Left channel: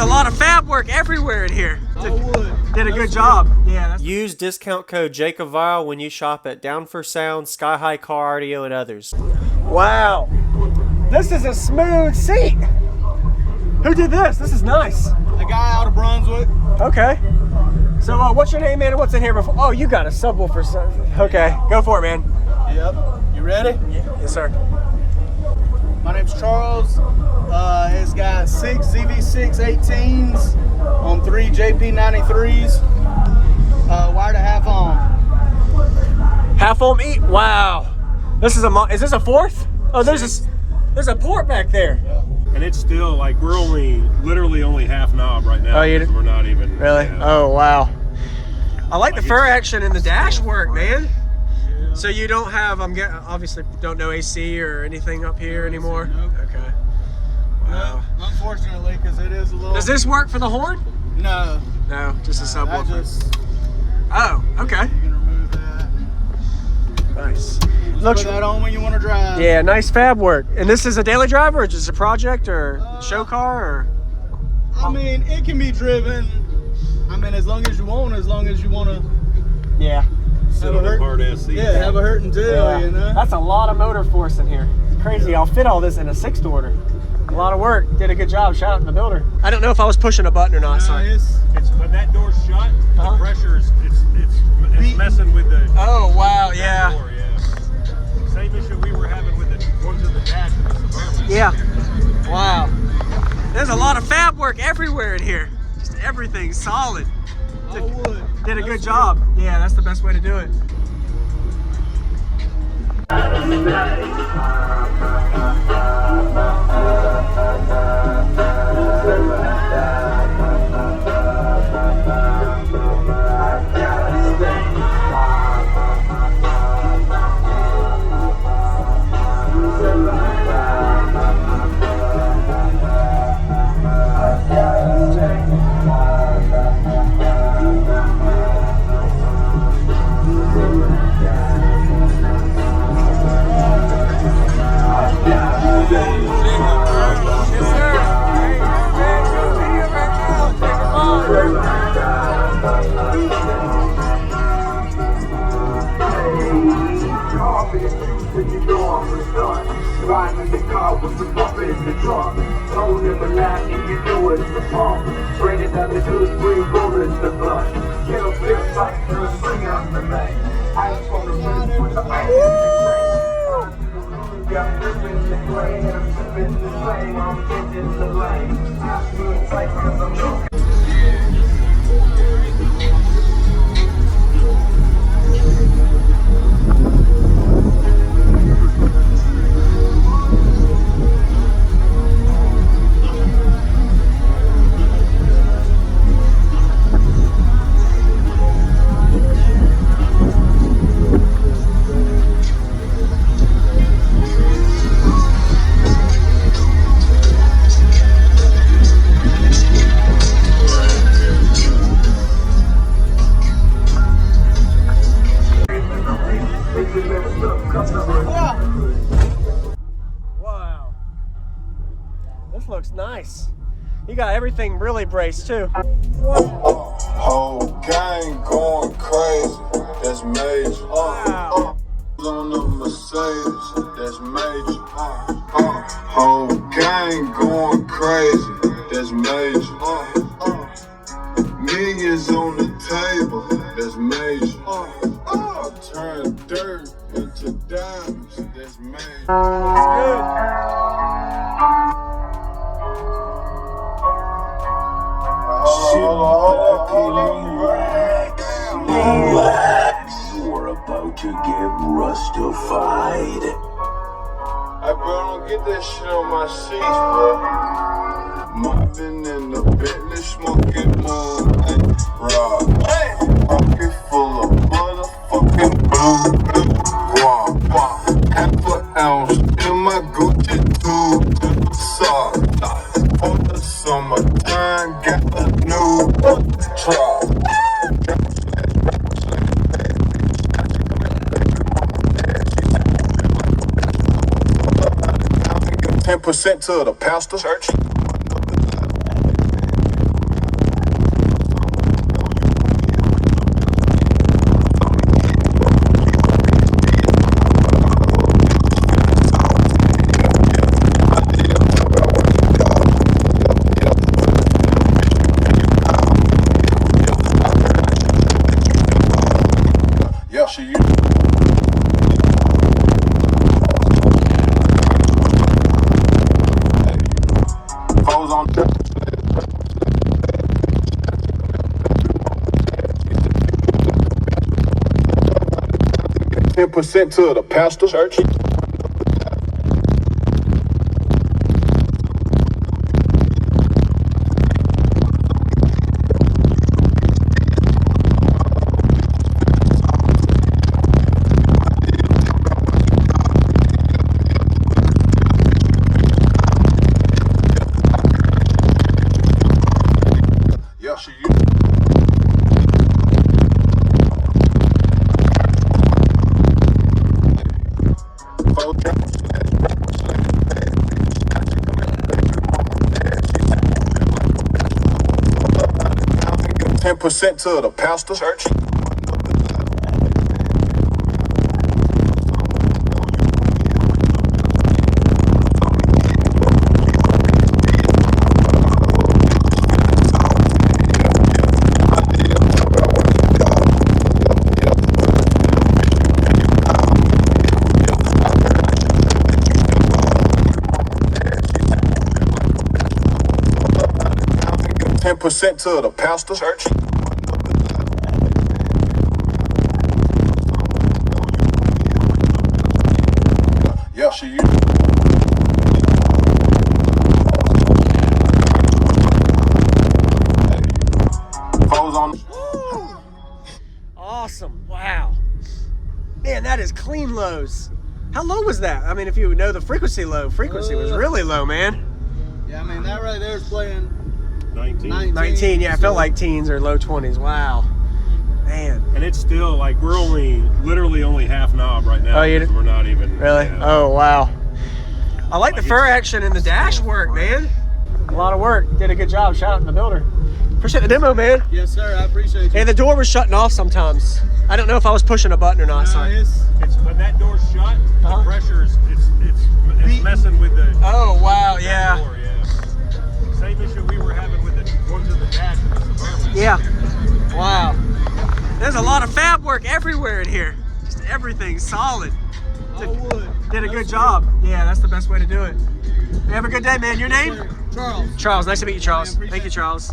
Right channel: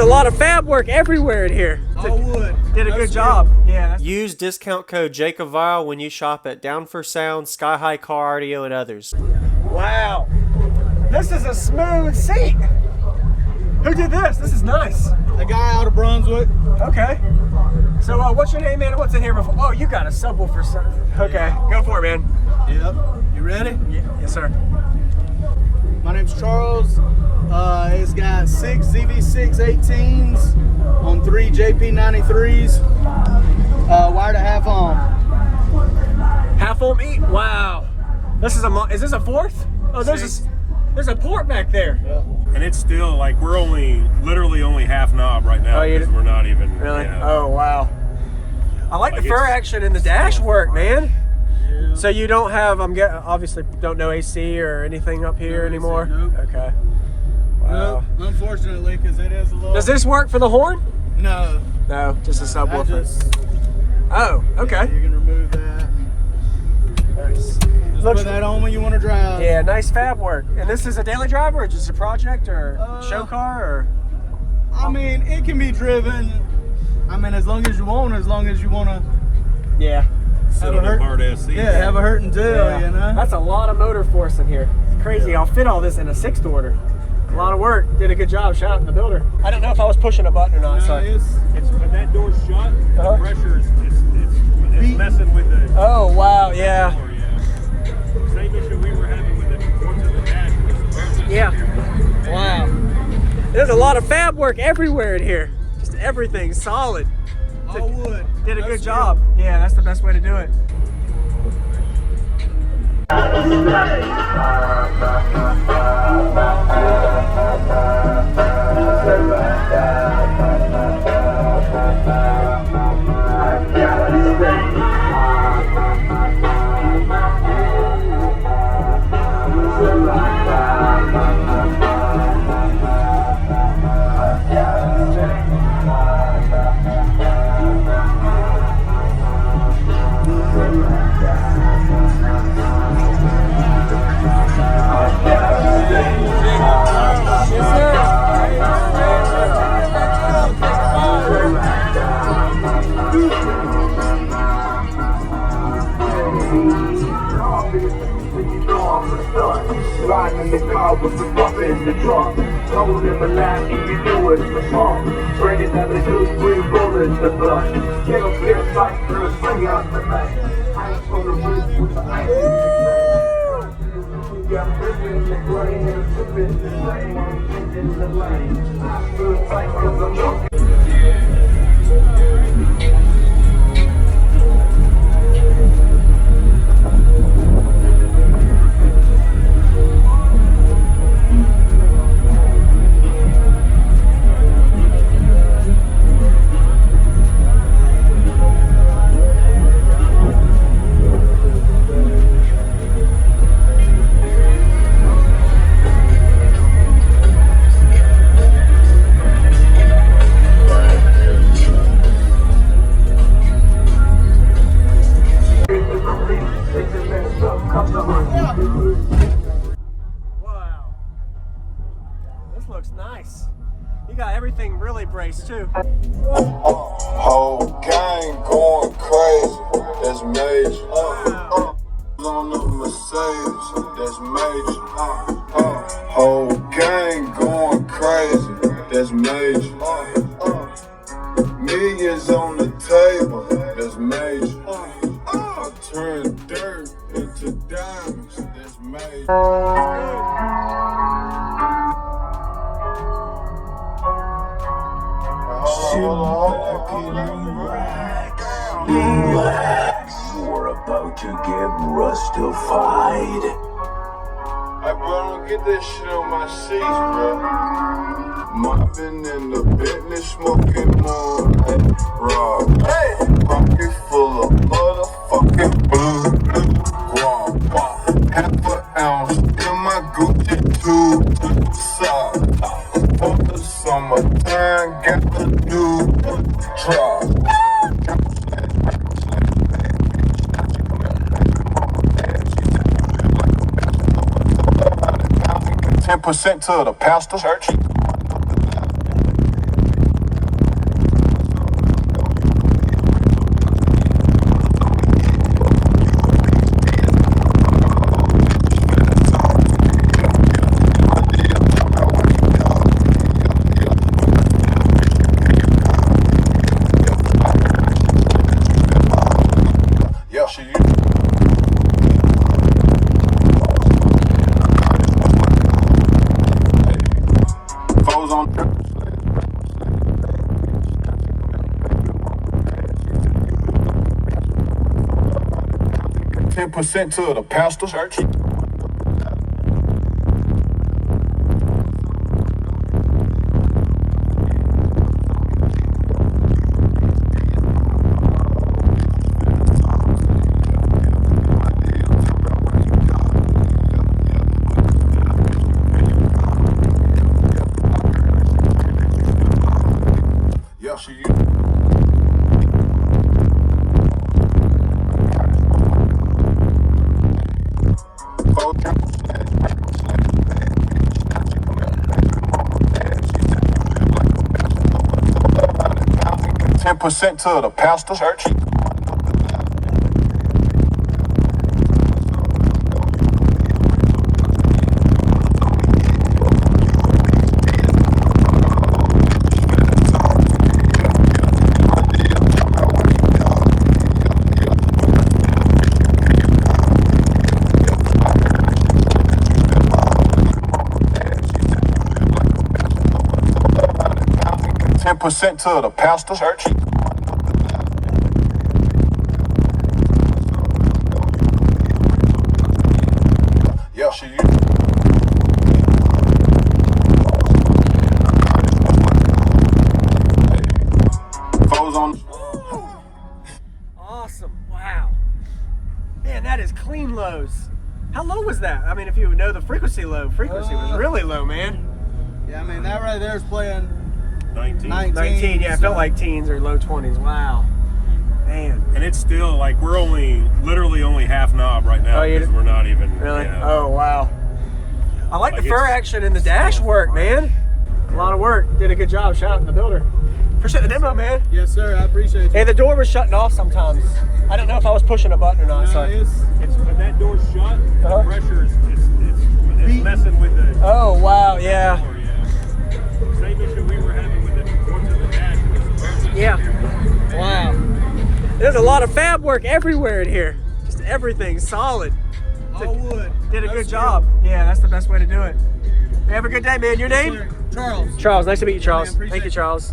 A lot of fab work everywhere in here. Did a good job. Yeah. Use discount code JacobViral when you shop at Down for Sound, SkyHigh Car Audio, and others. Wow. This is a smooth seat. Who did this? This is nice. A guy out of Brunswick. Okay. So what's your name, man, and what's in here before? Oh, you got a subwoofer. Okay, go for it, man. Yep. You ready? Yeah. Yes, sir. My name's Charles. It's got 6 ZV6 18s on 3 JP93s. Wired to half ohm. Half ohm eat. Wow. This is is this a fourth? Oh, there's a port back there. Yep. And it's still like we're literally only half knob right now. Oh, you we're not even. Really? Yeah. Oh, wow. I like the fur action in the dash work, man. Yeah. So you don't have, obviously don't know AC or anything up here anymore? Nope. Okay. Wow. Nope, unfortunately, because it is a little... Does this work for the horn? No. No, just a subwoofer. You Oh, okay. can remove that. Nice. Just Looks, put that on when you want to drive. yeah, nice fab work. And this is a daily driver or just a project or show car or? I mean, it can be driven, I mean, as long as you want to... Yeah. Sit on a hard ass seat. Yeah, have a hurting tail, you know? That's a lot of motor force in here. It's crazy. I'll fit all this in a 6-order. A lot of work. Did a good job. Shout out to the builder. I don't know if I was pushing a button or not. Sorry. It's when that door's shut, the pressure's it's messing with the. Oh wow, yeah. Door, yeah. Same issue we were having with the ones in the dash and the Suburban. Yeah. Wow. There's a lot of fab work everywhere in here. Just everything solid. Did a good job. Yeah, that's the best way to do it. Looks nice. You got everything really braced too. Whole gang going crazy. That's major. Wow. On a Mercedes. That's major. Whole gang going crazy. That's major. Millions on the table. That's major. I turn dirt into diamonds. That's major. Relax. You're about to get rustified. Hey, bro, don't get that shit on my sheets, bro. Mopping in the Bentley, smoking more than rock. Hey, pocket full of motherfucking blue guap. Half an ounce in my Gucci tube sock. For the summertime, got a new truck. 10% to the pastor church. Yeah, she used. Foes on. 10% to the pastor church. Yeah, she used. 10% to the pastor church. Percent to the pastor church. Yeah, she used. Foes on. Awesome. Wow. Man, that is clean lows. How low was that? I mean, if you know the frequency was really low, man. Yeah, I mean, that right there is playing 19, yeah, it felt like teens or low 20s. Wow. Man. And it's still like we're literally only half knob right now. Oh, you We're not even. Really? Yeah. Oh, wow. I like the fur it's- action and the dash work, man. A lot of work. Did a good job. Shout out to the builder. Appreciate the demo, man. Yes, sir. I appreciate you. Hey, the door was shutting off sometimes. I don't know if I was pushing a button or not. Sorry. It's when that door's shut, Uh-huh. the pressure's it's messing with the. Oh, wow. Yeah. Door, yeah. Same issue we were having with the ones in the dash and the Suburban. Yeah. Wow. There's a lot of fab work everywhere in here. Just everything solid. Did a good job. Yeah, that's the best way to do it. Hey, have a good day, man. Your name? Charles. Charles. Nice to meet you, Charles. appreciate Thank you, it. Charles.